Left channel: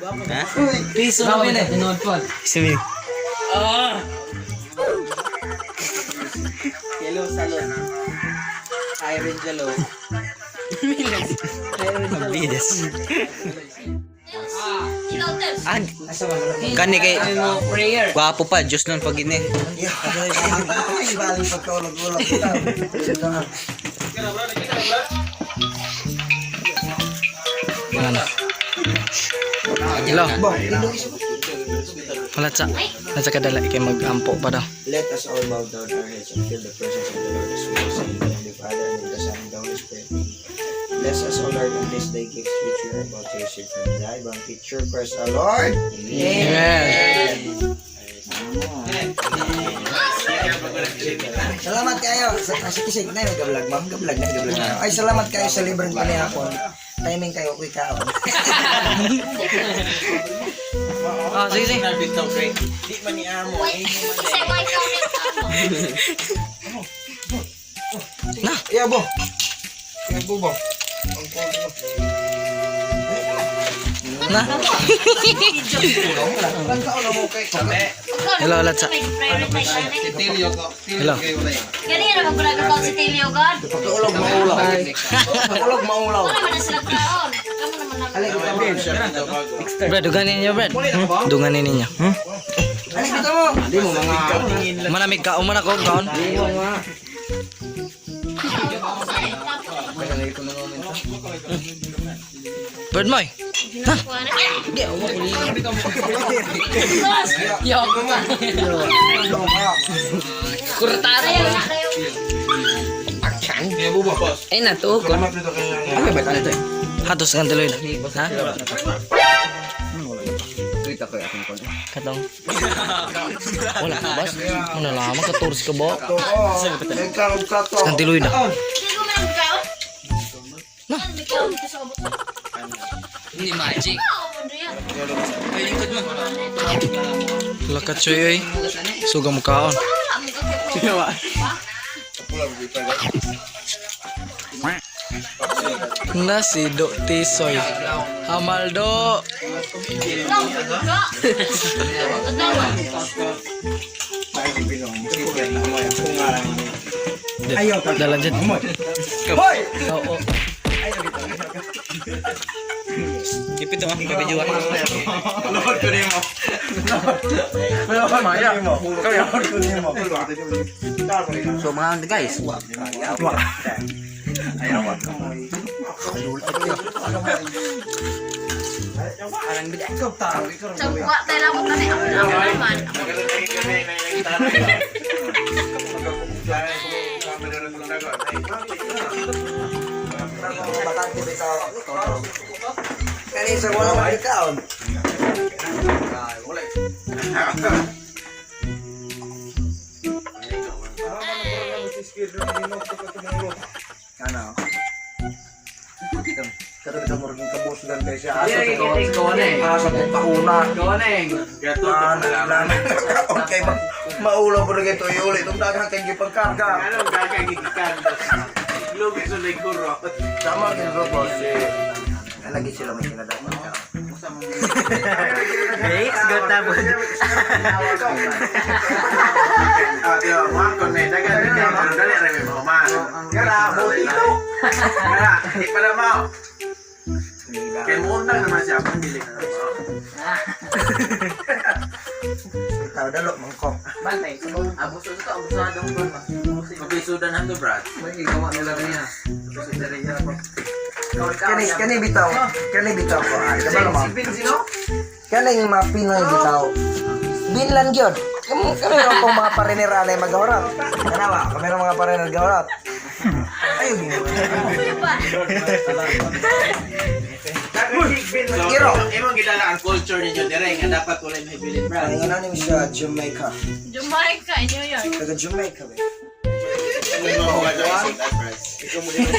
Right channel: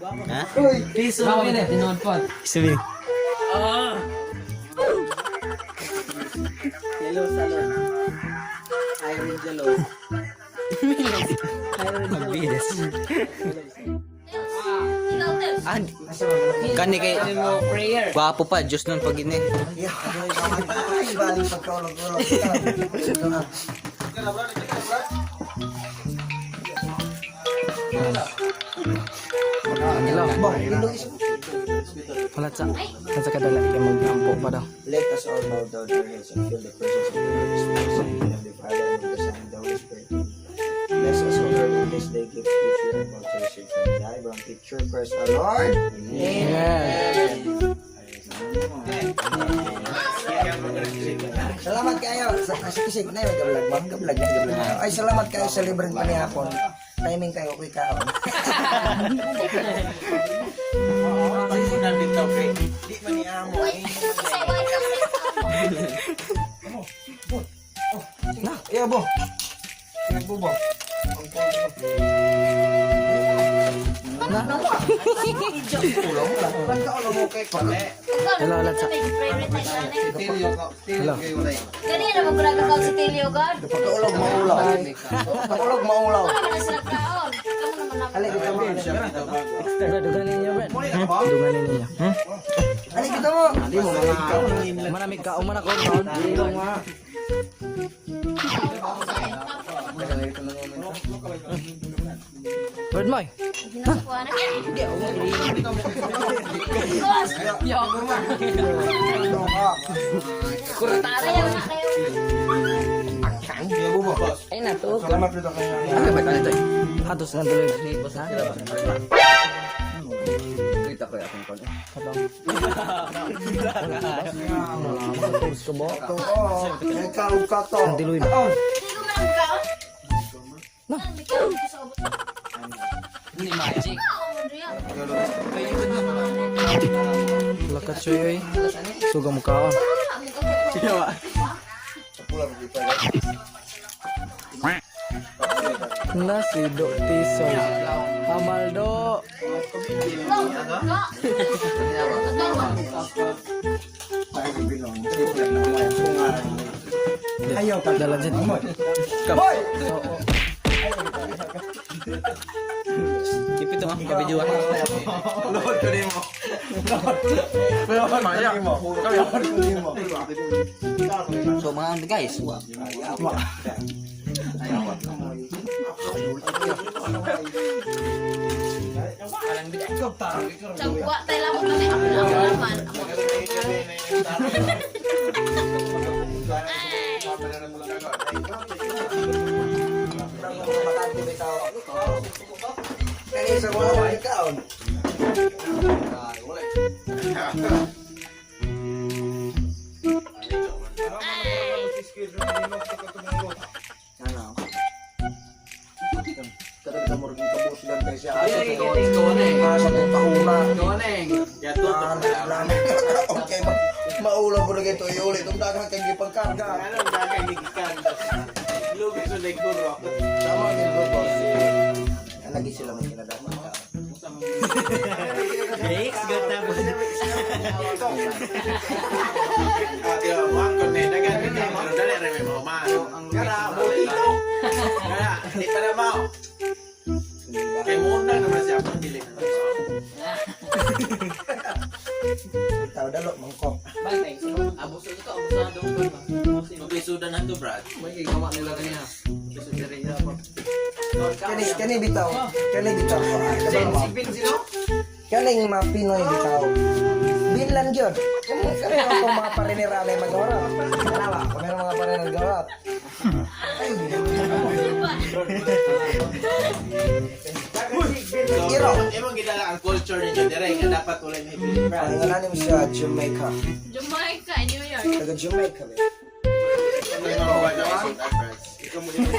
Ha? Piso na yun eh. Tinood po. Sabi. Hello, salon. Irene Jalo. Bilis. Kani kay Prayer. gwapo pa, Diyos nun pag ini. Galing sa tulog-ulog. Wala na. Hello. Wala sa kadala kay mag-ampo pa daw. Let us all bow down our heads and feel the presence of the Lord. Spirit, say, Heavenly Father, and of the Son, and the Holy Spirit. Bless us, O Lord, in this day. Give future and motivation from thy bound teacher, Christ our Lord. Amen. Salamat kayo sa kasik-kisik na yun. Gablag na. Ay, salamat kayo sa libreng panihapon. Timing kayo, quick ka. Ah, sige, sige. Di man ni amo. Na. Iya, bo. Bo. Na. Hello, Latsa. Hello. Ganyan na magbragakaw si Tilio God. Tulog maulaw. Tulog maulaw. Ano naman na sila kaon? Brad, duganin niyo, Brad. Duganin ninyo. Ano kita mo? Manamig ka, umana ko, kaon. Brad, Moy. Ha? Kurtado. Ay na to. Hatos ng tuloy. Ha? Katong. Wala ka bas? Ano lang, makaturis ka ba? May karong kato. Ang tiloy na. Hindi magic. Lakat siya eh. Suga mo kaon. Nasi do tisoy. Hamaldo. Ayaw ka. Jalan jet. Oo. Ipito ang gabi juwa. So mga guys. Sangwa tayo lang kasi ako naman. Kaya sa wala ikaw. Ano? Kada mo rin kabos lang kay siya. Asa sa kahuna. Okay, maulaw ko na ito iulit. Itong daghang kay gipagkarga. Tama din ko po. Lagi sila may kinadapan ka. Next, go tabo. Ikaw dalo mangkok. Kani bitaw. Kani bitaw. Kani mga Pinoy bitaw. Binlan gyud. Kami ro mga parinirane magawarat. Ano ba? Kami ro mga parinir gawarat. Ayo Iro. Imong gidala ang culture ninyo dire nga dapat wala may Billy Brand. Ang ano siya Jamaica. Jamaica, New York. Taga Jamaica. May mga magawa sa Brand. Ikaw mo din ang